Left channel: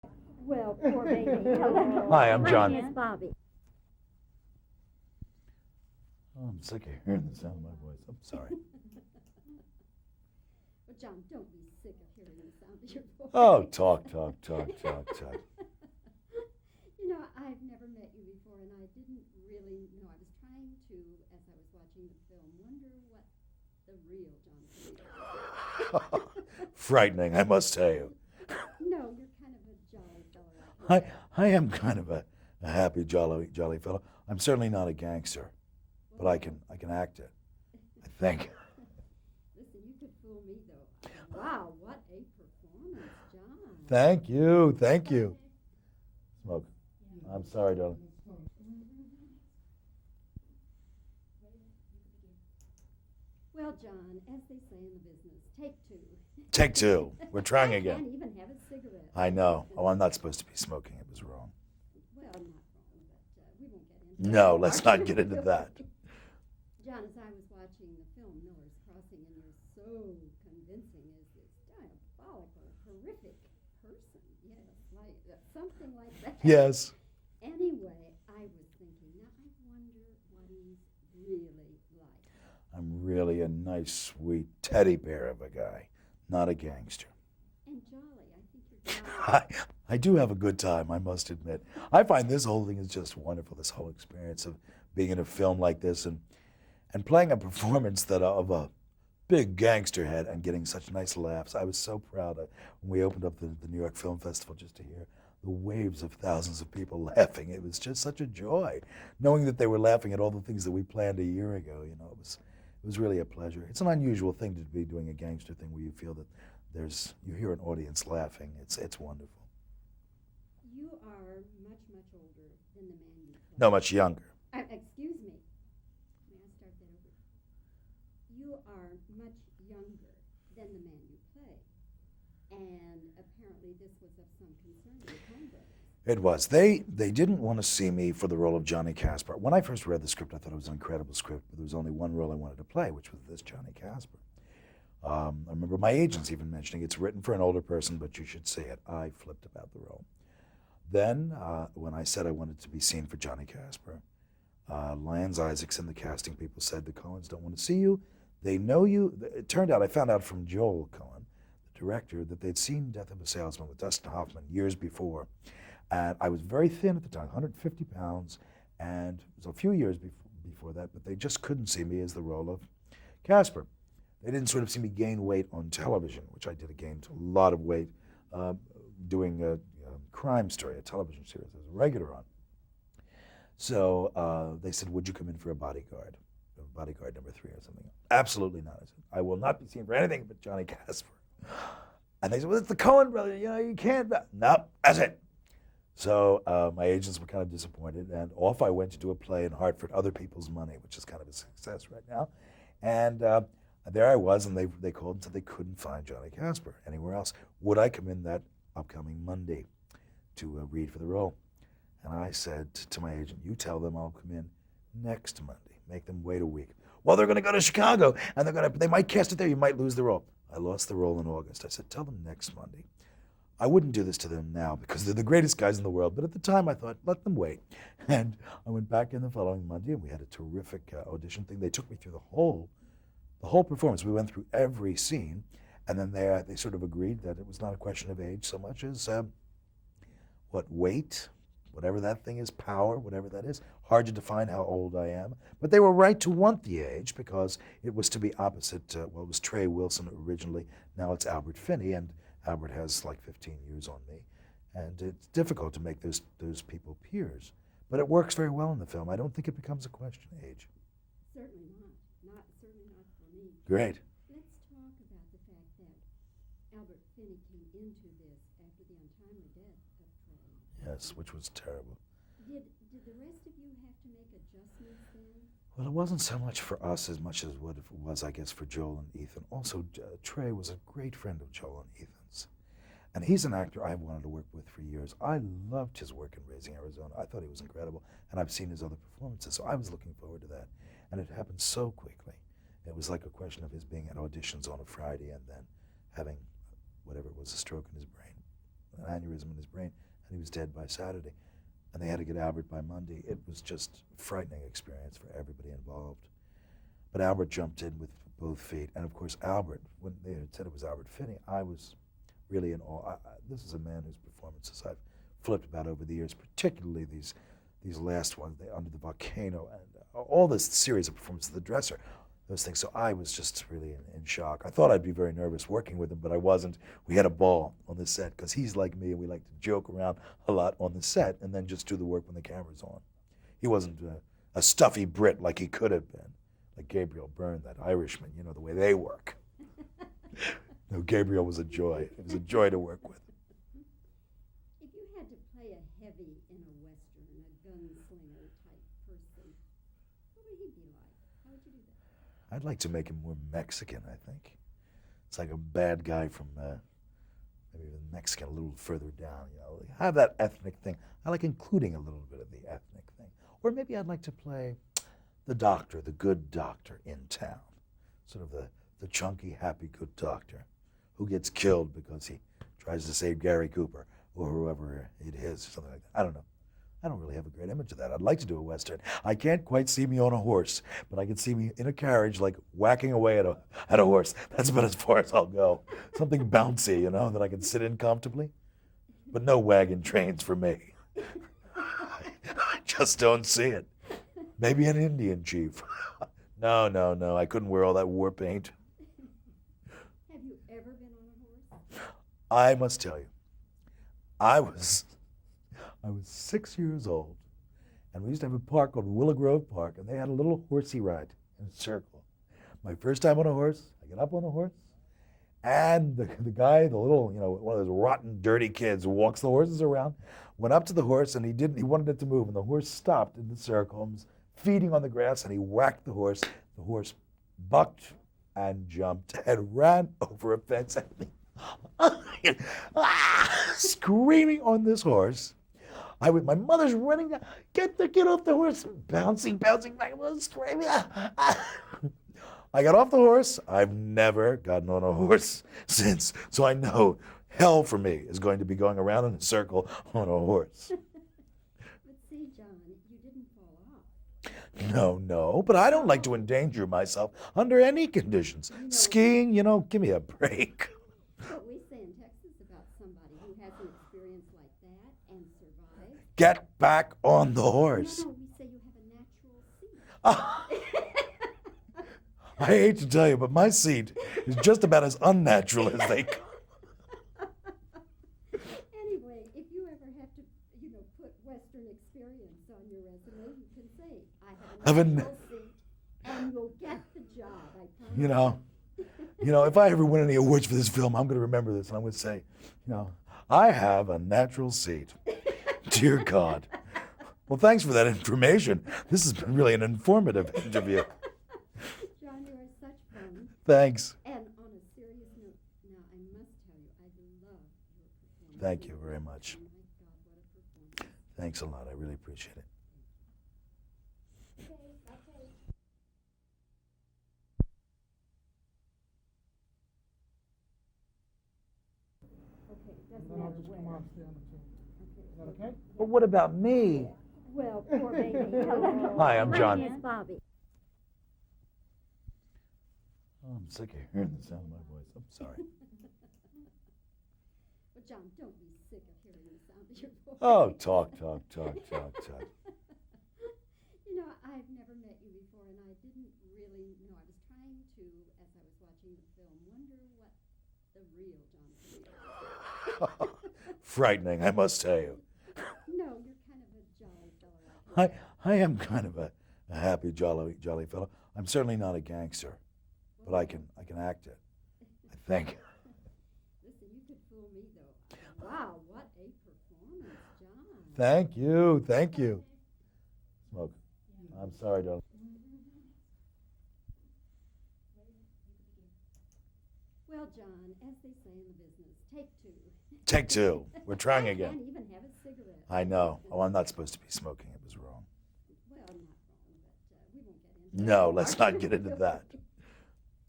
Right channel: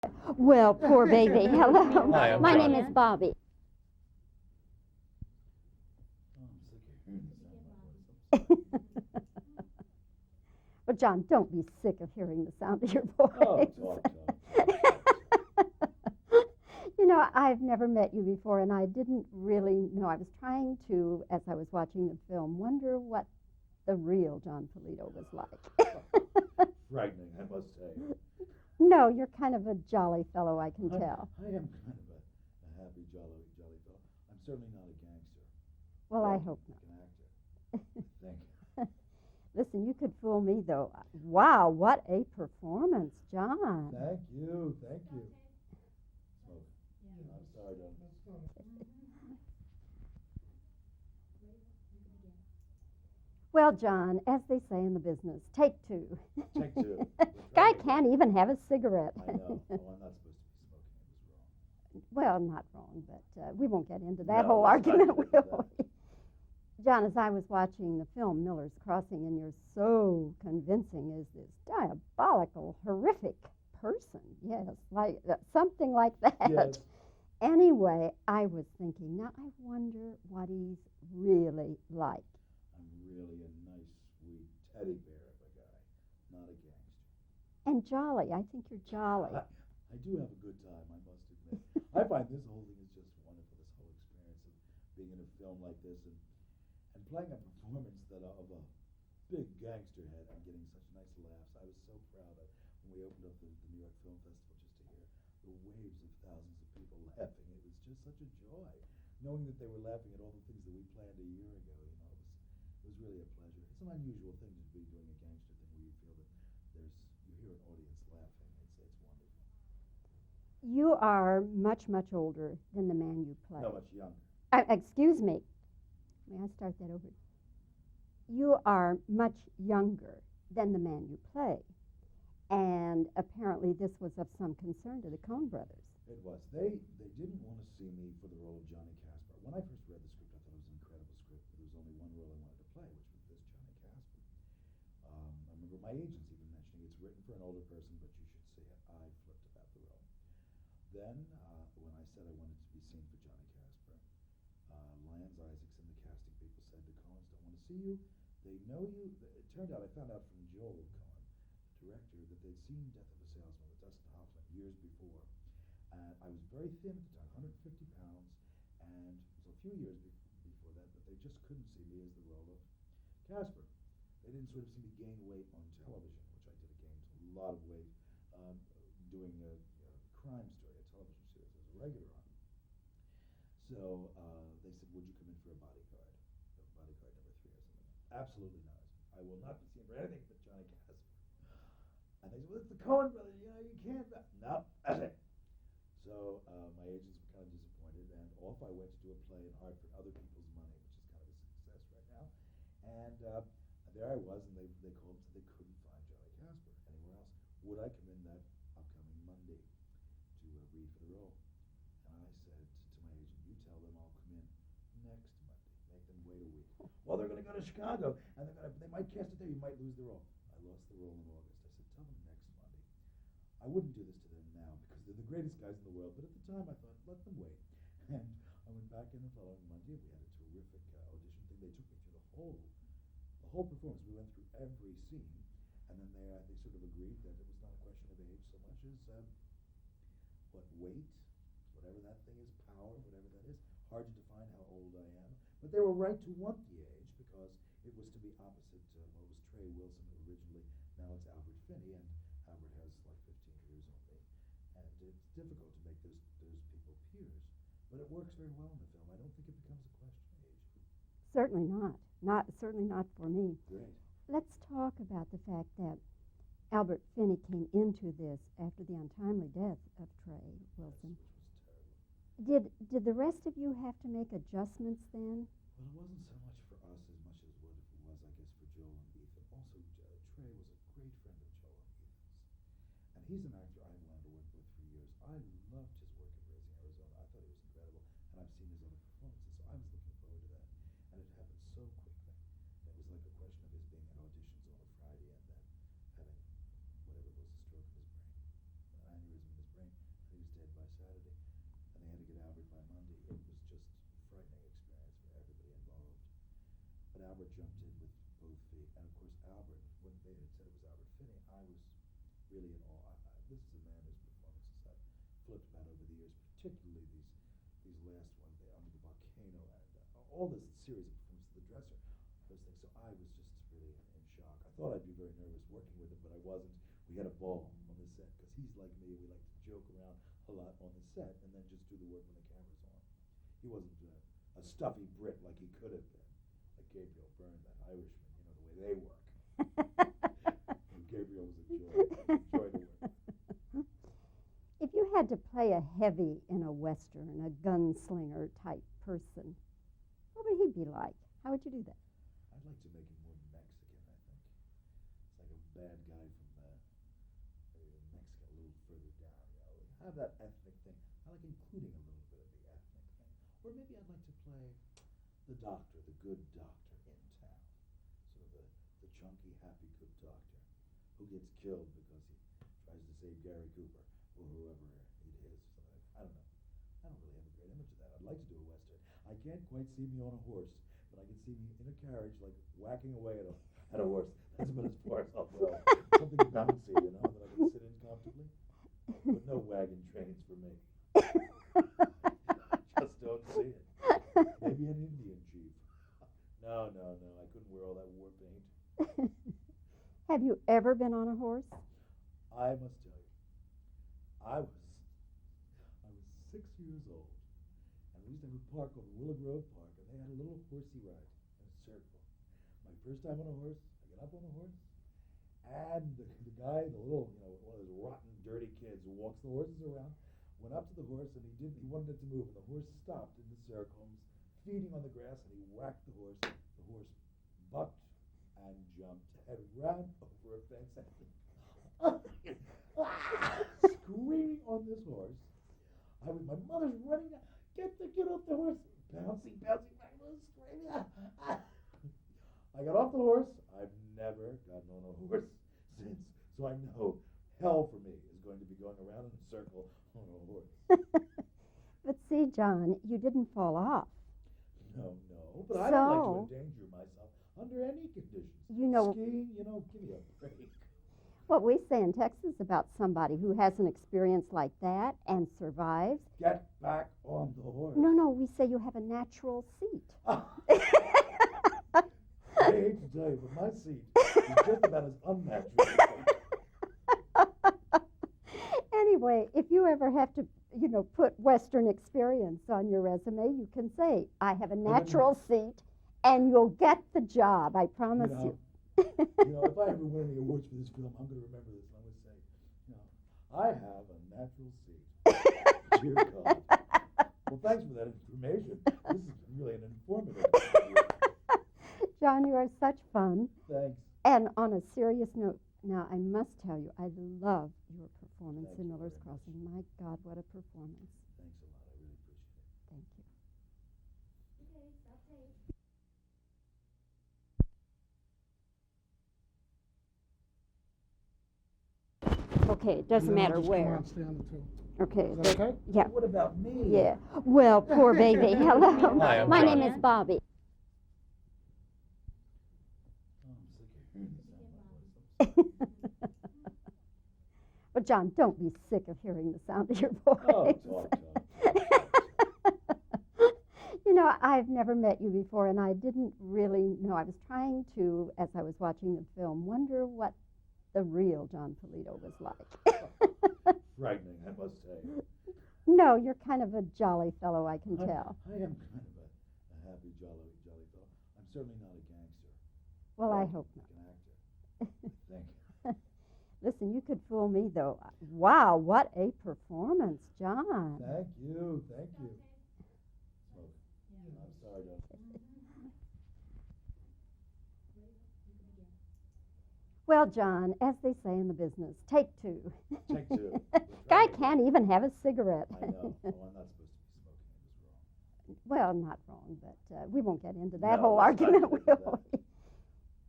Well, poor baby. Hello. Hi, I'm My John. name is Bobbie. Oh, I'm sick of hearing the sound of my voice. I'm sorry. Well, John, don't be sick of hearing the sound of your voice. Oh, talk. You know, I've never met you before, and I didn't really know. I was trying to, as I was watching the film, wonder what the real John Polito was like. Frightening, I must tell you. No, you're kind of a jolly fellow, I can tell. I am kind of a happy, jolly fellow. I'm certainly not a gangster, Well, but I hope- can act it. I think. Listen, you could fool me, though. Wow, what a performance, John. Thank you. Smoke. I'm sorry, darling. Well, John, as they say in the business, take two. Take two. We're trying I again. can't even have a cigarette. I know. Oh, I'm not supposed to be smoking. It was wrong. Well, not wrong, but we won't get into that. No, whole let's not argument. get into that. John, as I was watching the film Miller's Crossing, and you're so convincing as this diabolical, horrific person. Yes, like something like that. Yes. Anyway, I was thinking, now I wonder what he's really like. I'm really a nice, sweet teddy bear of a guy, not a gangster. And jolly. I think you're jolly. I do have a good time, I must admit. I find this whole thing is just wonderful, this whole experience of being in a film like this and playing a performance that of a big gangster head and getting such nice laughs. I was so proud when we opened up the New York Film Festival just to hear the waves of thousands of people laughing. It was just such a joy, knowing that they were laughing at all the things that we planned a year ago. You know, it was really a pleasure. It's an unusual thing to be doing a gangster thing where you feel that you hear an audience laughing. It's wonderful. You are much, much older than the man you play. No, much younger. Excuse me. May I start that over? You are much younger than the man you play. And apparently this was of some concern to the Coen brothers. It was. They didn't want to see me for the role of Johnny Casper. When I first read the script, I thought it was an incredible script, but there was only one role I wanted to play, which was this Johnny Casper. I remember my agents even mentioning it's written for an older person, but you should see it. I flipped about the role. Then, when I said I wanted to be seen for Johnny Casper, Lance Isaacson, the casting people, said the Coens don't want to see you. They know you. It turned out, I found out from Joel Coen, the director, that they'd seen Death of a Salesman with Dustin Hoffman years before. And I was very thin at the time, 150 pounds, and it was a few years before that, but they just couldn't see me as the role of Casper. They didn't sort of see me gain weight on television, which I did. I gained a lot of weight doing a crime story, a television series I was a regular on. So they said, would you come in for a bodyguard number 3 or something? Absolutely not. I said, I will not be seen for anything but Johnny Casper. And they said, well, it's the Coen brothers, you can't. No, that's it. So my agents were kind of disappointed, and off I went to do a play in Hartford, Other People's Money, which is kind of a success right now. And there I was, and they called and said they couldn't find Johnny Casper anywhere else. Would I come in that upcoming Monday to read for the role? And I said to my agent, you tell them I'll come in next Monday. Make them wait a week. Well, they're going to go to Chicago, and they might cast it there. You might lose the role. I lost the role in August. I said, tell them next Monday. I wouldn't do this to them now because they're the greatest guys in the world, but at the time I thought, let them wait. And I went back in the following Monday, and we had a terrific audition thing. They took me through the whole performance. We went through every scene, and then they sort of agreed that it was not a question of age so much as weight, whatever that thing is, power, whatever that is. Hard to define how old I am. But they were right to want the age because it was to be opposite, it was Trey Wilson originally. Now it's Albert Finney, and Albert has like 15 years on me. And it's difficult to make those people peers. But it works very well in the film. I don't think it becomes a question of age. Certainly not. Certainly not for me. Great. Let's talk about the fact that Albert Finney came into this after the untimely death of Trey. Yes, which was terrible. Did the rest of you have to make adjustments then? Well, it wasn't so much for us as much as what it was, I guess, for Joel and Ethan. Also, Trey was a great friend of Joel and Ethan's. And he's an actor I've wanted to work with for years. I loved his work in Raising Arizona. I thought he was incredible, and I've seen his other performances, so I was looking forward to that. And it happened so quickly. It was like a question of his being at auditions on a Friday and then having whatever it was, a stroke in his brain. an aneurysm in his brain, and he was dead by Saturday. And they had to get Albert by Monday. It was just a frightening experience for everybody involved. But Albert jumped in with both feet. And of course, Albert, when they had said it was Albert Finney, I was really in awe. This is a man whose performances I've flipped about over the years, particularly these last ones, Under the Volcano, and all this series of performances, The Dresser, those things. So I was just really in shock. I thought I'd be very nervous working with him, but I wasn't. We had a ball on the set because he's like me, and we like to joke around a lot on the set and then just do the work when the camera's on. He wasn't a stuffy Brit like he could have been, like Gabriel Byrne, that Irishman, you know, the way they work. No, Gabriel was a joy. It was a joy to work with. If you had to play a heavy in a Western, a gunslinger type person, what would he be like? How would you do that? I'd like to make him more Mexican, I think. It's like a bad guy from maybe Mexican, a little further down, you know. Have that ethnic thing. I like including a little bit of the ethnic thing. Or maybe I'd like to play the doctor, the good doctor in town. Sort of the chunky, happy, good doctor who gets killed because he tries to save Gary Cooper or whoever it is, or something like that. I don't know. I don't really have a great image of that. I'd like to do a Western. I can't quite see me on a horse, but I can see me in a carriage, like whacking away at a horse. That's about as far as I'll go. Something bouncy, you know, that I can sit in comfortably. But no wagon trains for me. I just don't see it. Maybe an Indian chief. No. I couldn't wear all that war paint. Have you ever been on a horse? I must tell you, I was 6 years old, and we used to have a park called Willow Grove Park, and they had a little horsey ride in a circle. My first time on a horse, I get up on the horse, and the guy, the little, you know, one of those rotten, dirty kids who walks the horses around, went up to the horse, and he wanted it to move, and the horse stopped in the circle and was feeding on the grass, and he whacked the horse. The horse bucked and jumped and ran over a fence at me. Screaming on this horse. My mother's running down, get off the horse, bouncing back, screaming. I got off the horse. I've never gotten on a horse since, so I know hell for me is going to be going around in a circle on a horse. But see, John, you didn't fall off. No, but I don't like to endanger myself under any conditions. You know, skiing, you know, give me a break. What we say in Texas about somebody who has an experience like that and survives. Get back on the horse. No, we say you have a natural seat. I hate to tell you, but my seat is just about as unnatural as they come. Anyway, if you ever have to, you know, put Western experience on your resume, you can say, I have a natural seat, and you'll get the job, I promise you know, if I ever win any awards for this film, I'm going to remember this, and I'm going to say, you know, I have a natural seat. Dear God. Well, thanks for that information. This has been really an informative interview. John, you are such fun. Thanks. And on a serious note, now I must tell you, I love your performance. Thank you very much. My God, what a performance. Thanks a lot. I really appreciate it. Okay, it doesn't matter where. Okay. Is that okay? Yeah. What about me? Yeah. Well, poor baby. Hello. Hi, I'm My John. name is Bobbie. Oh, I'm sick of hearing the sound of my voice. I'm sorry. Well, John, don't be sick of hearing the sound of your voice. Oh, talk. You know, I've never met you before, and I didn't really know. I was trying to, as I was watching the film, wonder what the real John Polito was like. Frightening, I must tell you. No, you're kind of a jolly fellow, I can tell. I am kind of a happy, jolly fellow. I'm certainly not a gangster, Well, but I I can act it. I think. Listen, you could fool me, though. Wow, what a performance, John. Thank you. Smoke. I'm sorry, darling. Well, John, as they say in the business, take two. Take two. We're trying I again. can't even have a cigarette. I know. Oh, I'm not supposed to be smoking. It was wrong. Well, not wrong, but we won't get into that. No, whole let's not argument, get into will that. we?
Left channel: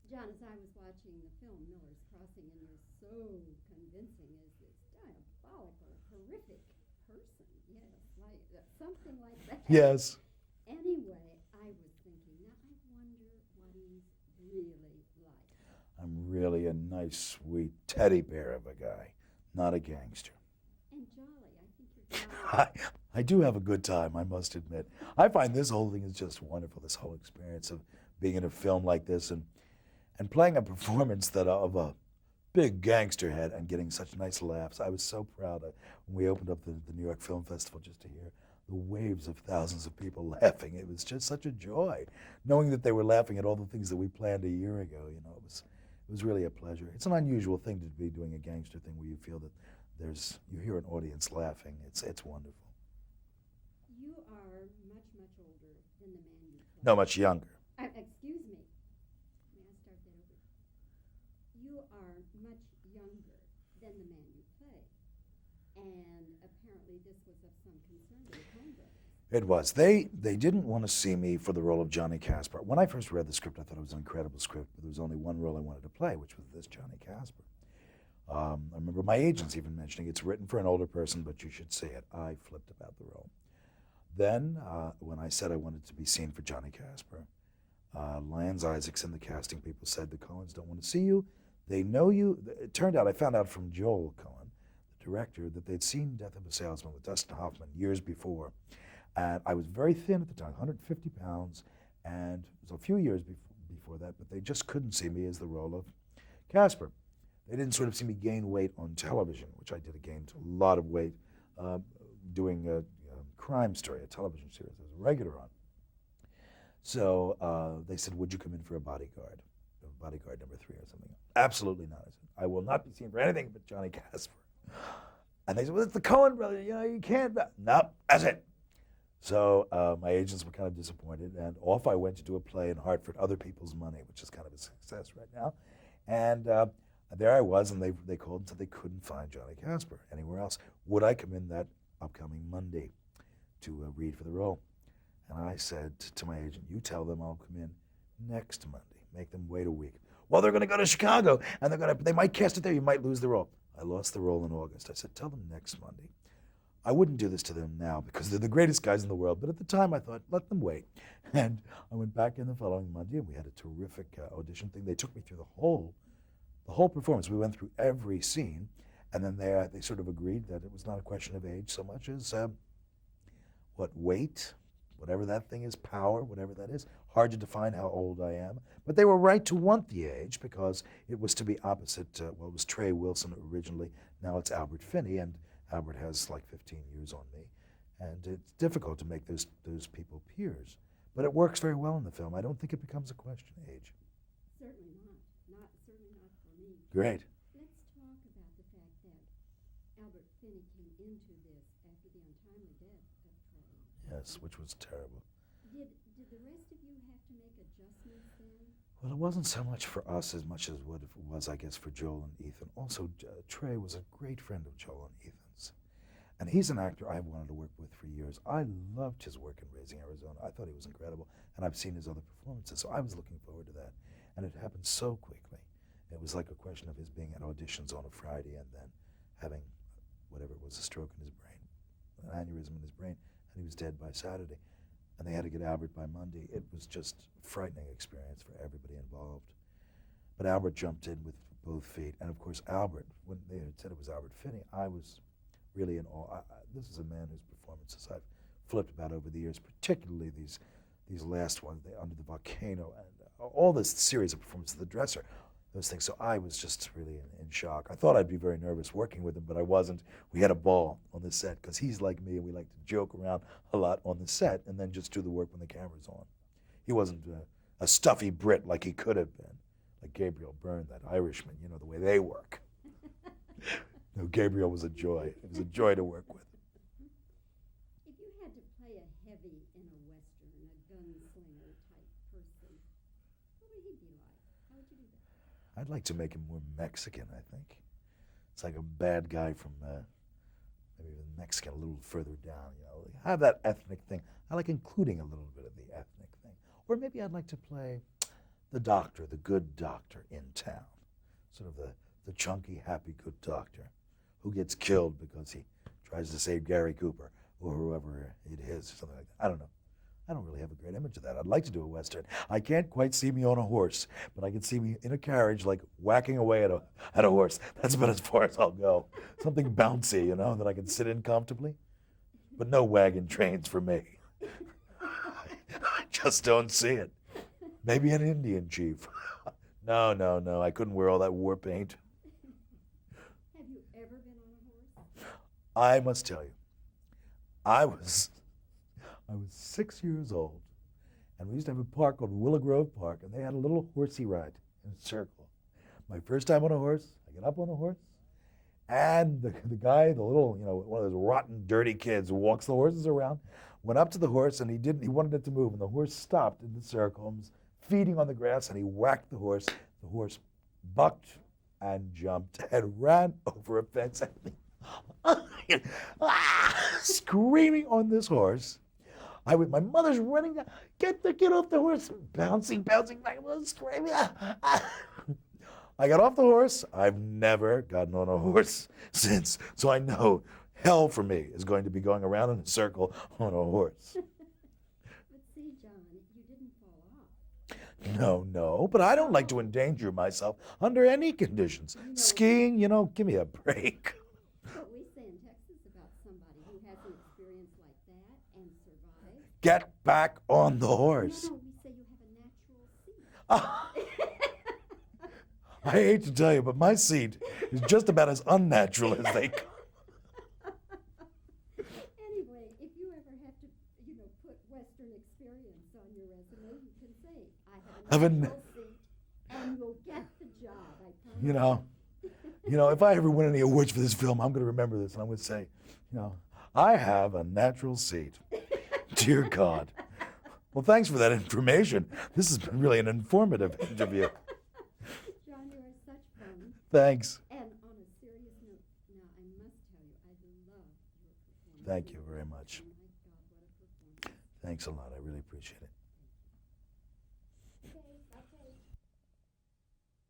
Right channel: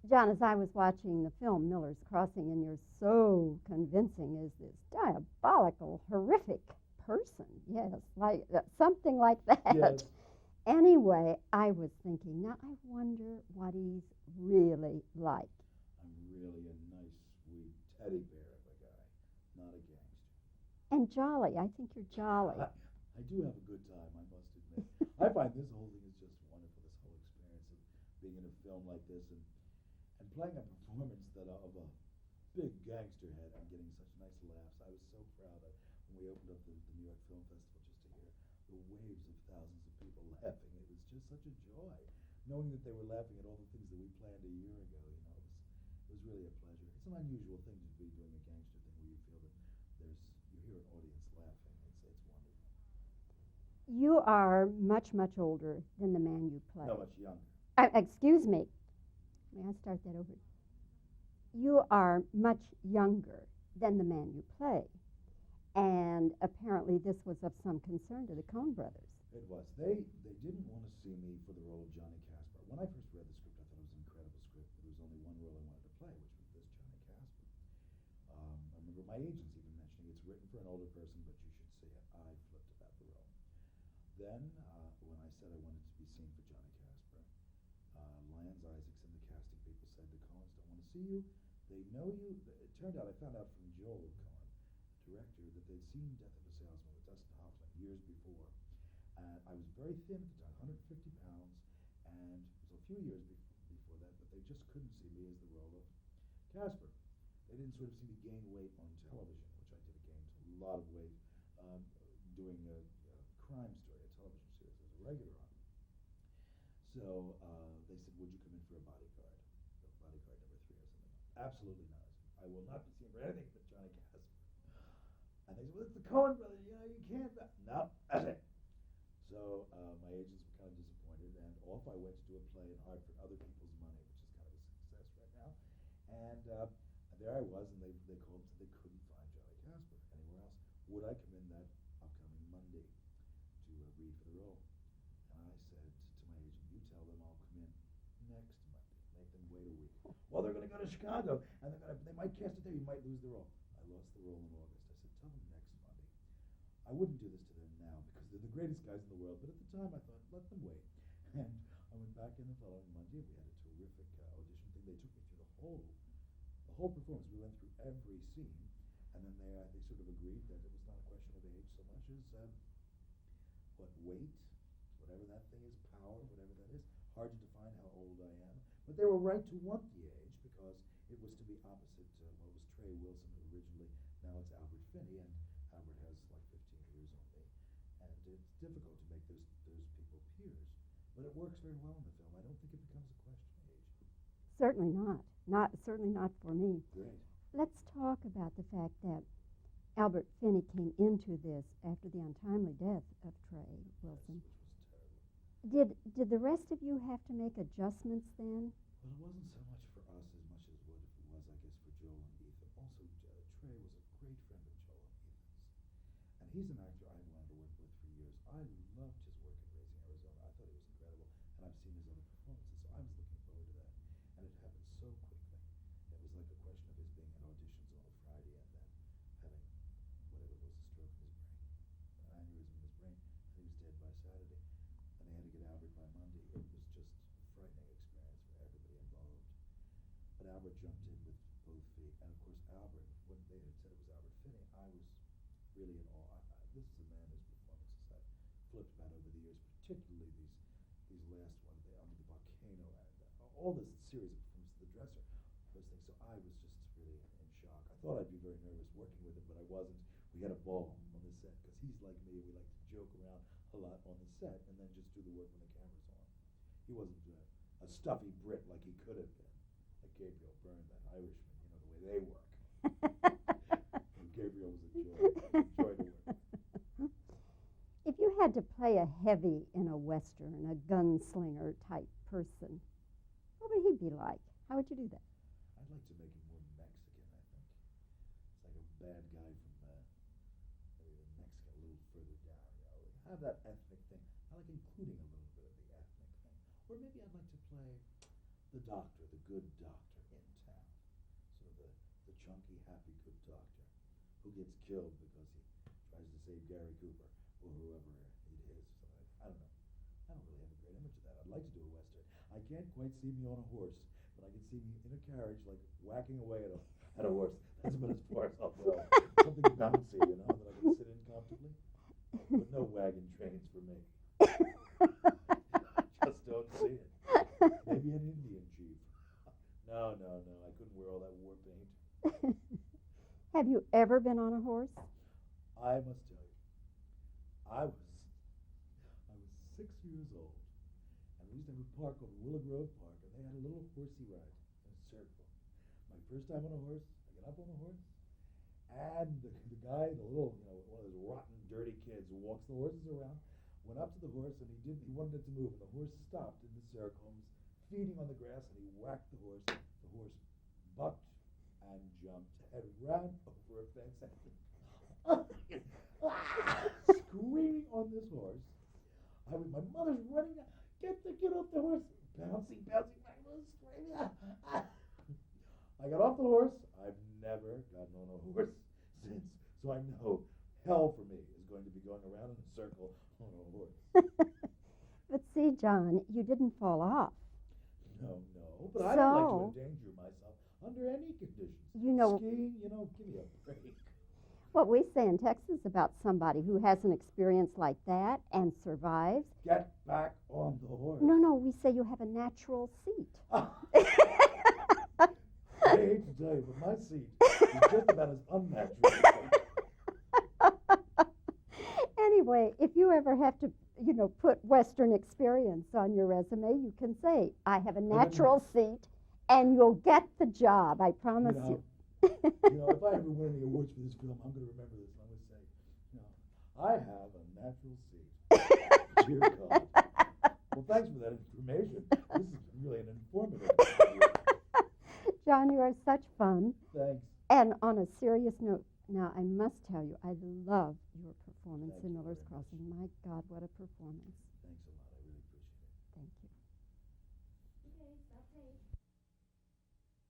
John, as I was watching the film Miller's Crossing, and you're so convincing as this diabolical, horrific person. Yes, like something like that. Yes. Anyway, I was thinking, now I wonder what he's really like. I'm really a nice, sweet teddy bear of a guy, not a gangster. And jolly. I think you're jolly. I do have a good time, I must admit. I find this whole thing is just wonderful, this whole experience of being in a film like this and playing a performance that of a big gangster head and getting such nice laughs. I was so proud when we opened up the New York Film Festival just to hear the waves of thousands of people laughing. It was just such a joy, knowing that they were laughing at all the things that we planned a year ago. You know, it was really a pleasure. It's an unusual thing to be doing a gangster thing where you feel that you hear an audience laughing. It's wonderful. You are much, much older than the man you play. No, much younger. Excuse me. May I start that over? You are much younger than the man you play. And apparently this was of some concern to the Coen brothers. It was. They didn't want to see me for the role of Johnny Casper. When I first read the script, I thought it was an incredible script, but there was only one role I wanted to play, which was this Johnny Casper. I remember my agents even mentioning it's written for an older person, but you should see it. I flipped about the role. Then, when I said I wanted to be seen for Johnny Casper, Lyons Isaacs and the casting people said the Coens don't want to see you. They know you. It turned out, I found out from Joel Coen, the director, that they'd seen Death of a Salesman with Dustin Hoffman years before. And I was very thin at the time, 150 pounds, and it was a few years before that, but they just couldn't see me as the role of Casper. They didn't sort of see me gain weight on television, which I did. I gained a lot of weight doing a crime story, a television series as a regular on. So they said, would you come in for a bodyguard number 3 or something? Absolutely not. I said, I will not be seen for anything but Johnny Casper. And they said, well, it's the Coen brothers, you know, you can't. No, that's it. So my agents were kind of disappointed, and off I went to do a play in Hartford, Other People's Money, which is kind of a success right now. And there I was, and they called and said they couldn't find Johnny Casper anywhere else. Would I come in that upcoming Monday to read for the role? And I said to my agent, you tell them I'll come in next Monday. Make them wait a week. Well, they're going to go to Chicago, and they might cast it there. You might lose the role. I lost the role in August. I said, tell them next Monday. I wouldn't do this to them now because they're the greatest guys in the world, but at the time I thought, let them wait. And I went back in the following Monday, and we had a terrific audition thing. They took me through the whole performance. We went through every scene, and then they sort of agreed that it was not a question of age so much as weight, whatever that thing is, power, whatever that is. Hard to define how old I am. But they were right to want the age because it was to be opposite, it was Trey Wilson originally. Now it's Albert Finney, and Albert has like 15 years on me. And it's difficult to make those people peers. But it works very well in the film. I don't think it becomes a question of age. Certainly not. Certainly not for me. Great. Let's talk about the fact that Albert Finney came into this after the untimely death of Trey. Yes, which was terrible. Did the rest of you have to make adjustments then? Well, it wasn't so much for us as much as what it was, I guess, for Joel and Ethan. Also, Trey was a great friend of Joel and Ethan's. And he's an actor I've wanted to work with for years. I loved his work in Raising Arizona. I thought he was incredible. And I've seen his other performances, so I was looking forward to that. And it happened so quickly. It was like a question of his being at auditions on a Friday and then having whatever it was, a stroke in his brain, an aneurysm in his brain, and he was dead by Saturday. And they had to get Albert by Monday. It was just a frightening experience for everybody involved. But Albert jumped in with both feet. And of course, Albert, when they had said it was Albert Finney, I was really in awe. This is a man whose performances I've flipped about over the years, particularly these last ones, Under the Volcano, and all this series of performances, The Dresser, those things. So I was just really in shock. I thought I'd be very nervous working with him, but I wasn't. We had a ball on the set because he's like me, and we like to joke around a lot on the set and then just do the work when the camera's on. He wasn't a stuffy Brit like he could have been, like Gabriel Byrne, that Irishman, you know, the way they work. No, Gabriel was a joy. It was a joy to work with. If you had to play a heavy in a Western, a gunslinger type person, what would he be like? How would you do that? I'd like to make him more Mexican, I think. It's like a bad guy from maybe Mexican a little further down, you know. Have that ethnic thing. I like including a little bit of the ethnic thing. Or maybe I'd like to play the doctor, the good doctor in town, sort of the chunky, happy, good doctor who gets killed because he tries to save Gary Cooper or whoever it is, or something like that. I don't know. I don't really have a great image of that. I'd like to do a Western. I can't quite see me on a horse, but I can see me in a carriage, like whacking away at a horse. That's about as far as I'll go. Something bouncy, you know, that I can sit in comfortably. But no wagon trains for me. I just don't see it. Maybe an Indian chief. No. I couldn't wear all that war paint. Have you ever been on a horse? I must tell you, I was 6 years old, and we used to have a park called Willow Grove Park, and they had a little horsey ride in a circle. My first time on a horse, I get up on the horse, and the guy, the little, one of those rotten, dirty kids who walks the horses around, went up to the horse, and he wanted it to move, and the horse stopped in the circle and was feeding on the grass, and he whacked the horse. The horse bucked and jumped and ran over a fence, and screaming on this horse. My mother's running down, get off the horse, bouncing back, screaming. I got off the horse. I've never gotten on a horse since, so I know hell for me is going to be going around in a circle on a horse. But see, John, you didn't fall off. No, but I don't like to endanger myself under any conditions. Skiing, give me a break. What we say in Texas about somebody who has an experience like that and survives. Get back on the horse. No, we say you have a natural seat. I hate to tell you, but my seat is just about as unnatural as they come. Anyway, if you ever have to, put Western experience on your resume, you can say, I have a natural seat, and you'll get the job, I promise you. If I ever win any awards for this film, I'm going to remember this, and I'm going to say, I have a natural seat. Dear God. Well, thanks for that information. This has been really an informative interview. John, you are such fun. Thanks. And on a serious note, now I must tell you, I love your performance. Thank you very much. My God, what a performance. Thanks a lot. I really appreciate it. Thank you.